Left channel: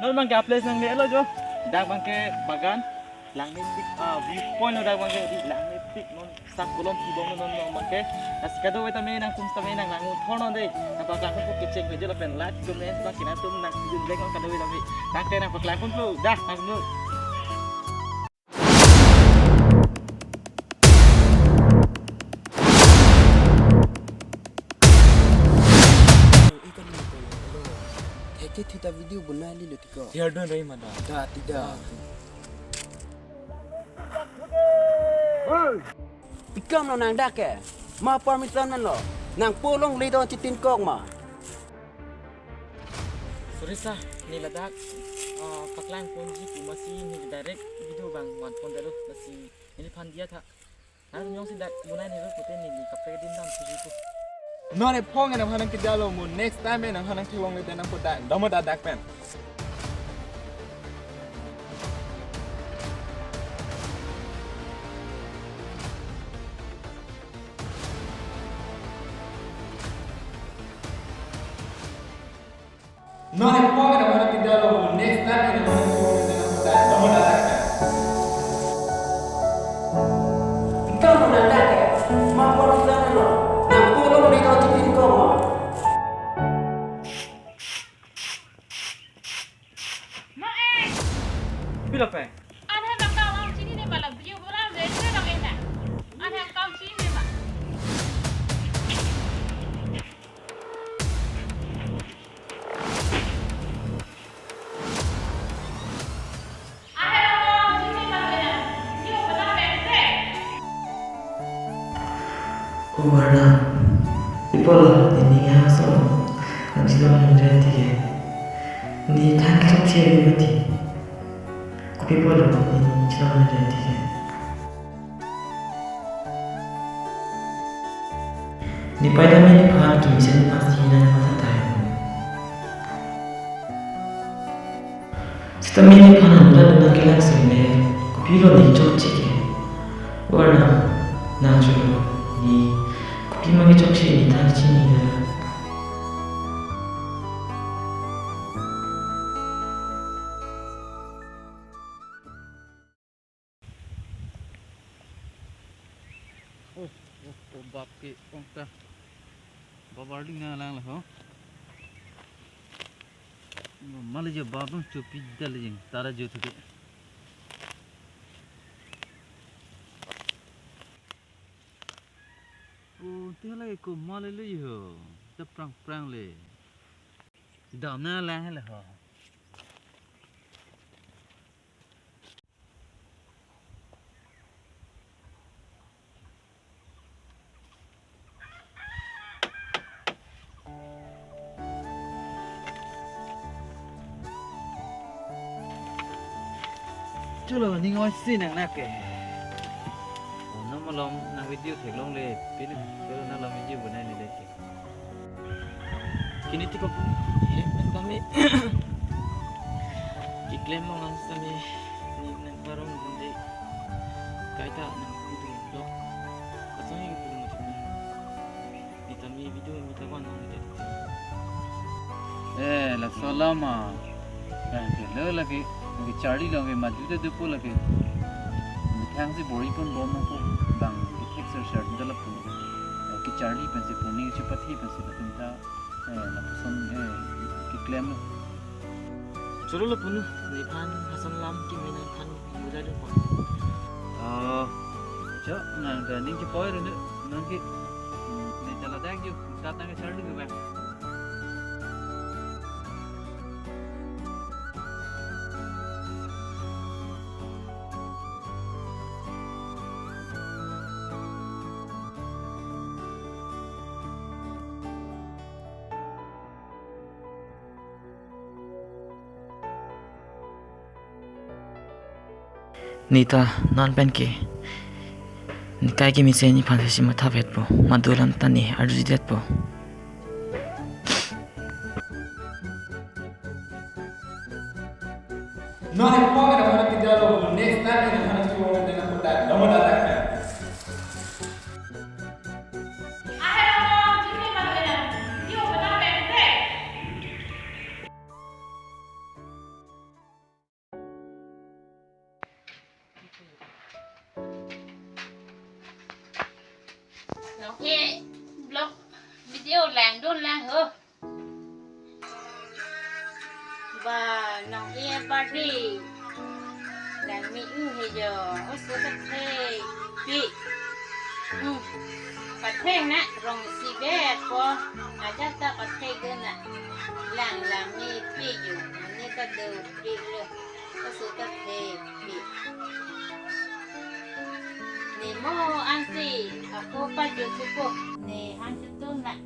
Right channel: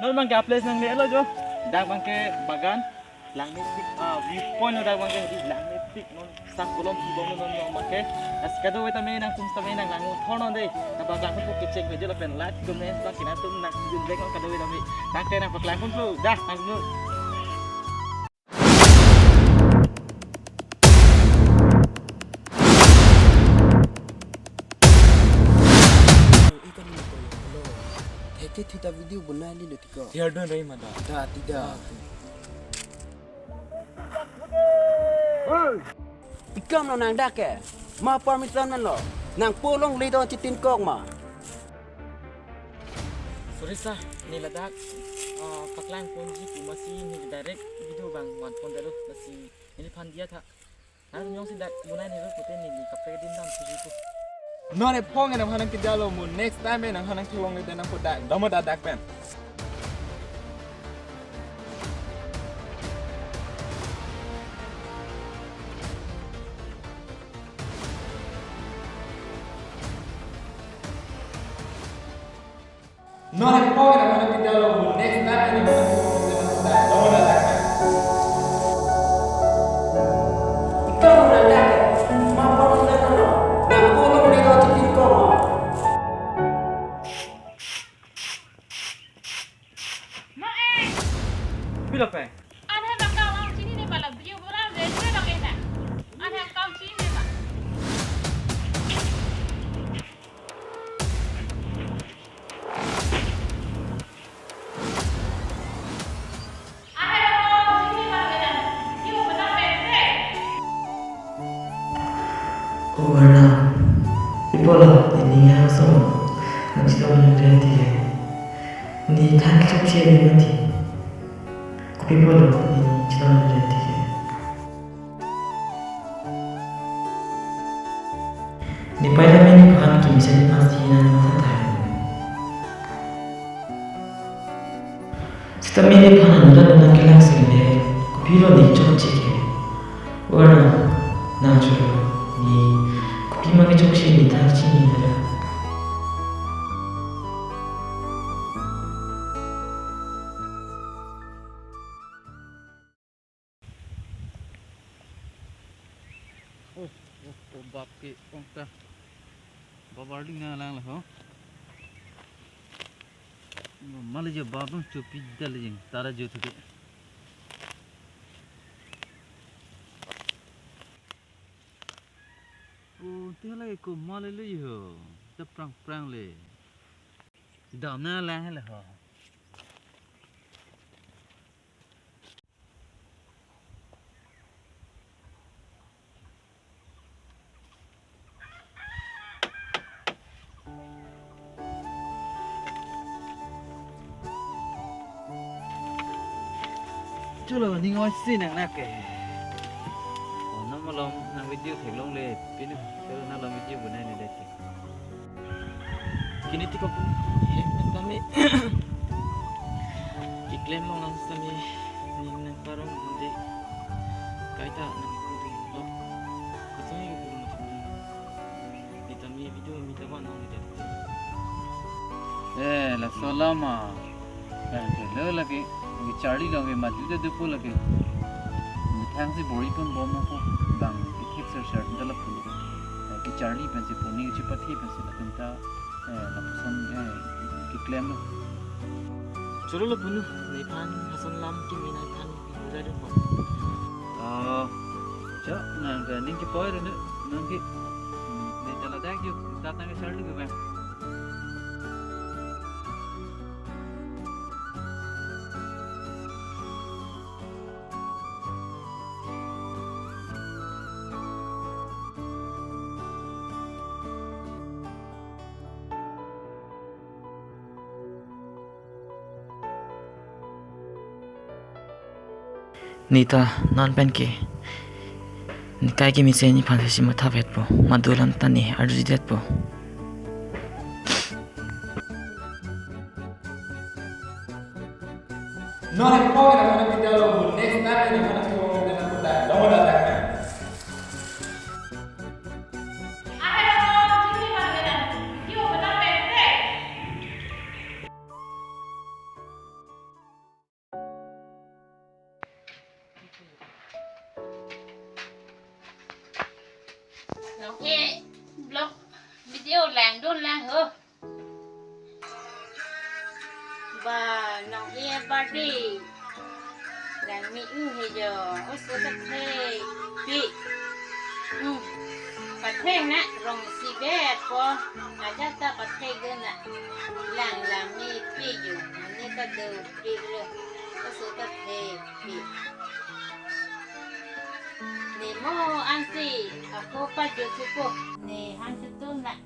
non bangke place nang le lo jo. Dak bangke bagan langit tik viewpoint dak bangke di langit tik non sak kolom ki bong non non bangke. As kado weta me nang tum tame nang langu thono de. Na ba lang pun ke check bejo la pen lat ko men sa kina tum nang jun dek kado weta me. Dak te nang paklang pun lu dah nang nu. Kita video benar ni lo tiko. Tiar don rai mada. Dah tidak. Ikam lo nang dak ke? Ma permission man lo. Nang polong lido citin kok ma. Surisa ni ladak paklang pun ji ku masih ni direct video bang wan pon dalu masih ini pan dia tha. Nah nyong si dak bunai ni lo putih ni kapre din dam suji tu. None pong nang hanang kidalo mo next time nang hanang tilong le nang poda damo dadak pen. None pong nang hanang kidalo mo next time nang hanang tilong le nang poda damo dadak pen. Ikam lo nang dak ke? Ma permission man lo. Nang polong lido citin kok ma. Bila pe? Anh hay mặc cao ông chín đi mà làm video bữa nào đến với đồng em nè. Anh hay cao chín đi mà. Anh hay mặc cao chín đi mà đồng em nè. Video bữa nào đến thế. Wala. Ipolo, ni nga solo. Nagsidom ng renti ke. Ni tan chok che bi mati. Kupipolo, ni sidom ng renti ke. Ni paida me ni phan ki mission ni pasti na na phan tai. Sita me ni phan anu dan na kilang sile. Kupilo ni chok che ke. Wala. Na chulo ni kupima ke chok che ni tan chi ni dala. Oh bap ke ongta. Babarling na lang ho. Mal je babam chupi dal jing tara jo thuke. Oh te lagi ko mal le ho. Ta prang prang le. Dam na lang le ho. Chulo ni ngoi sin nang nak ke. Oh na malom na video thek long le pin chulo na lom video bunai ni de. Kini ti ko pun men kami iklan mo ang sami ni nang parong hindi kaita nang kudu lo. Asongi ke pulu mati pun. Ni kami video mi tawan nang de. La salama. Ke lo lagi ngi charli lo ngi madu de dupo lagi mithang se bori pun bom no ko bang ki texture shirt ndala pulu ki charli pen se puni chi pathi pen se latumta la puson ki claim lo churu lo punu ni phan hasan lam ki mina phan muda dun po cha nang ga ning ki poir ne nang ki ni tala dak ju ta tang charli go ba Nita non pen ke. Ni kai ki mise ni phan se ma tha vet po. Madulam tani arji det po. None pong nang hanang kidalo mo next time nang hanang tilong le nang poda damo dadak pen. Anh hay mặc cao chín đi mà đồng em nè. Video bữa nào đến thế. làng đôn làng hơ và nòng e ba đi làng mỹ thì giờ ở số các thê bịประเทศนะรองสีแดดพออาจจะตะประเทศกันนะหลังมีปีอยู่อันนี้ก็เดินปีเลยก็สุดประเทศปีนี่โมอันสิอากูปัจจุบันนี่ฮันจะต้นละ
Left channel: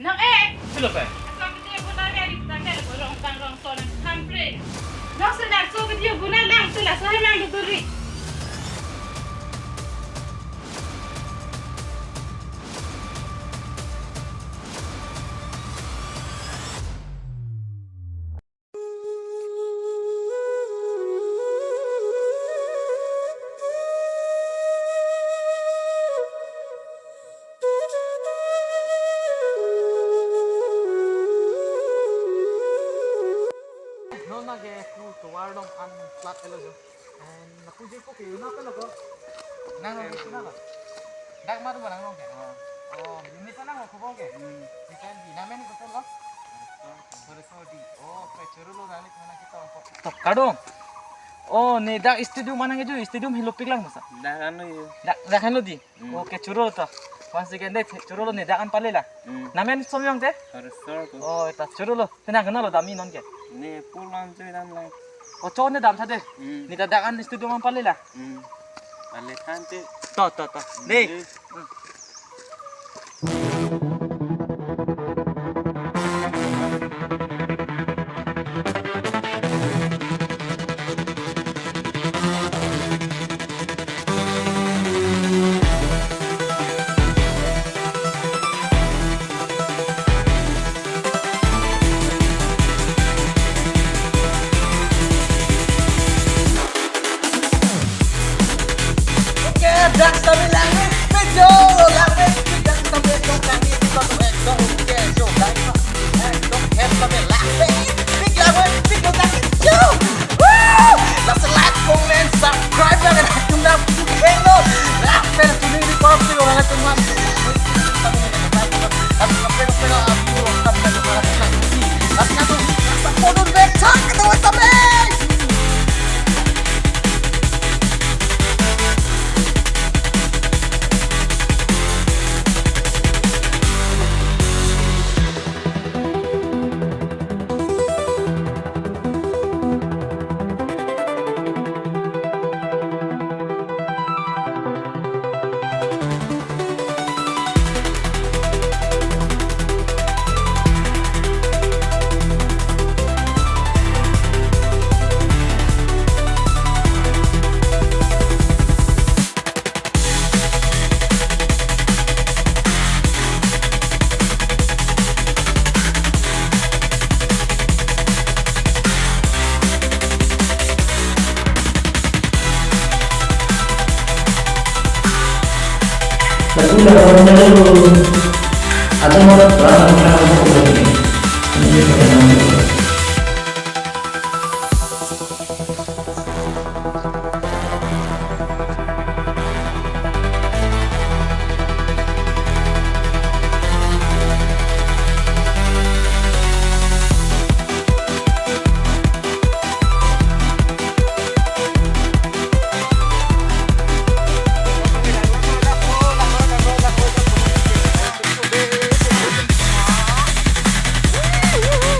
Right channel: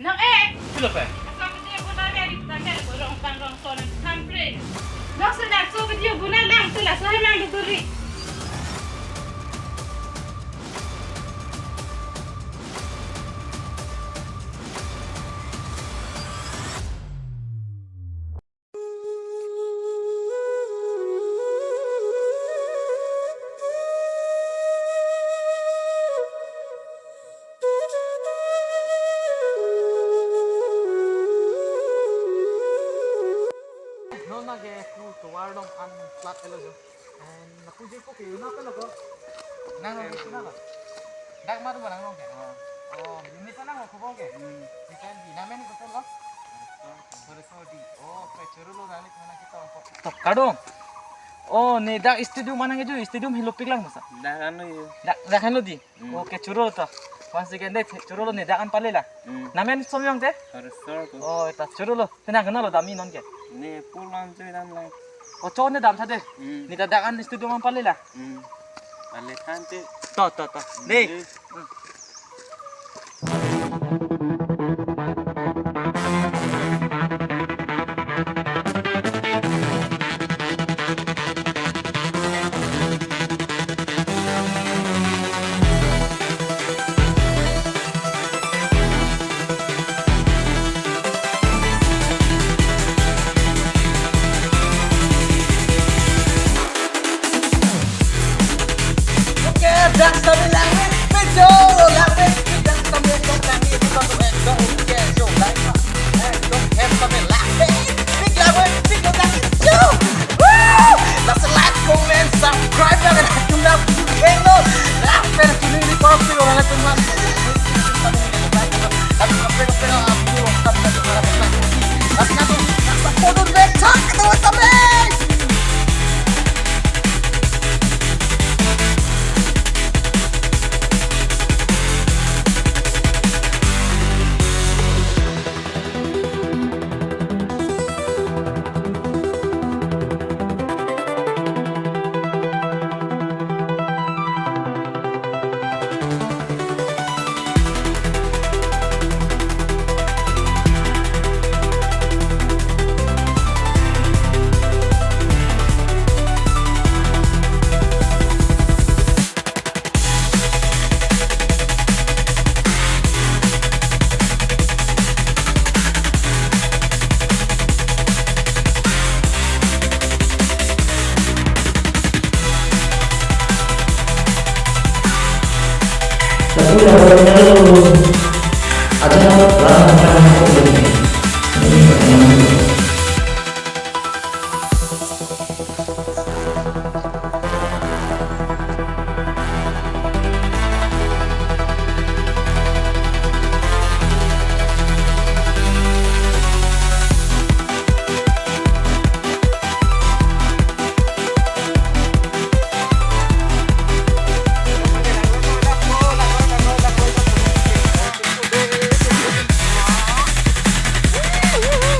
Nang Hello, Pai. asal video guna dari tanda rong sonan tampre. Nak sedar so video guna lang tu lah saya mang duri. No na ge ku to war dong an plat elo jo. And na ku je ko ke na pe lo ko. Nang no na ko. Dak ma tu ba nang no ke. Oh, ini sana ko ko ke. Ni kan di na men ko to lo. Sore sodi. Oh, pe churu lo rani tu na kita ko. To kadong. Oh, ni dak studio mana ge jo studio hilo piklang masa. Dak kan lo di. Oh, ke churu to. Once again deh churu lo ni dak an pale la. Namen somyong te. Oh, ta churu lo. Tena kenal lo dami non ke. 네, 폴란 저희랑 랑. Oh, cowok ni dam tadi. Ni dadakan studio man pala lah. 알레 칸테. To. Ni. Dak sambil langit, video langit, dak sambil dong langit, kita tuh dong oke, jo, langit, dong head sambil langit, big langit, big langit, jo, woo, langsung like, comment, subscribe, jangan tunda video, lah, pen tuning di bawah video langit teman, tapi video lengkap dari mana lagi, tapi nanti rasa foto beca ketemu sampai. Lagu lawan dulu. Aja mau lawan orang mau ini. Ini bagaimana itu?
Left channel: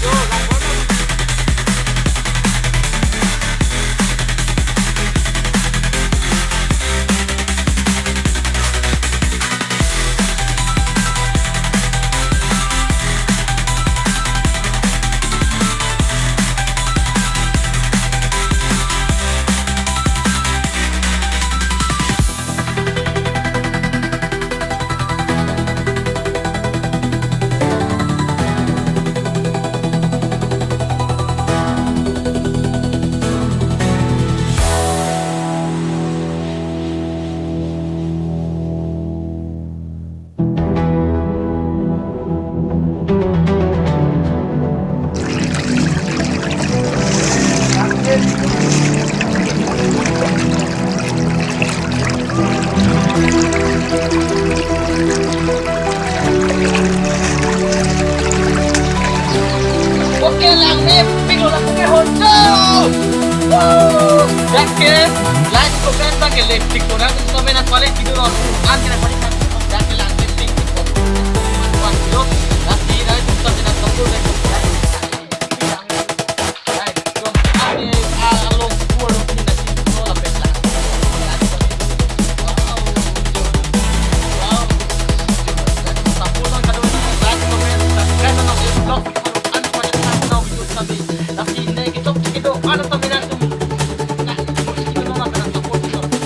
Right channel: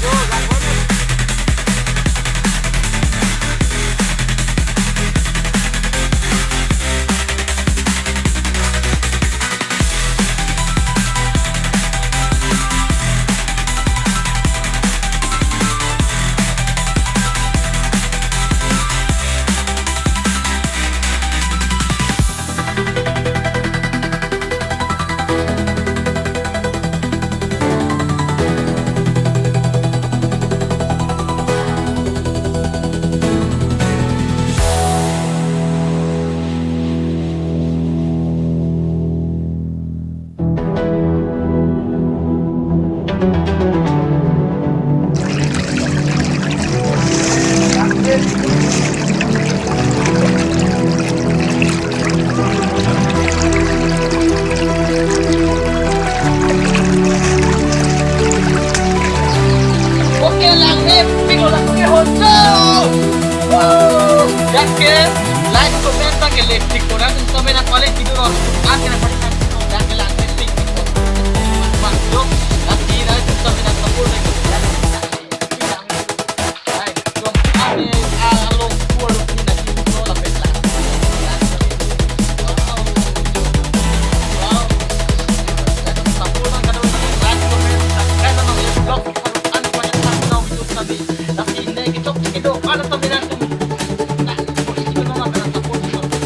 Yo, Dake, like, comment, dake, like, tik ko na kung sa may nagpalit video ron. Kung ang kinapalitan ko, dake lang, like, tik ko. Kuman yo, kasi na ito sa may nagtapur dake ko. Bilang ito. Right, so ang along poor look ni naging no la petla. Lang kami do. Wow, Jodo. Wow, Jodo. Dako sa tapur ng kadawin namin, like, comment, subscribe na ng vlog. Ano pa rin sa na video sa may. Kasi negative kido, ano sa may na mo ikito na lang pero tapos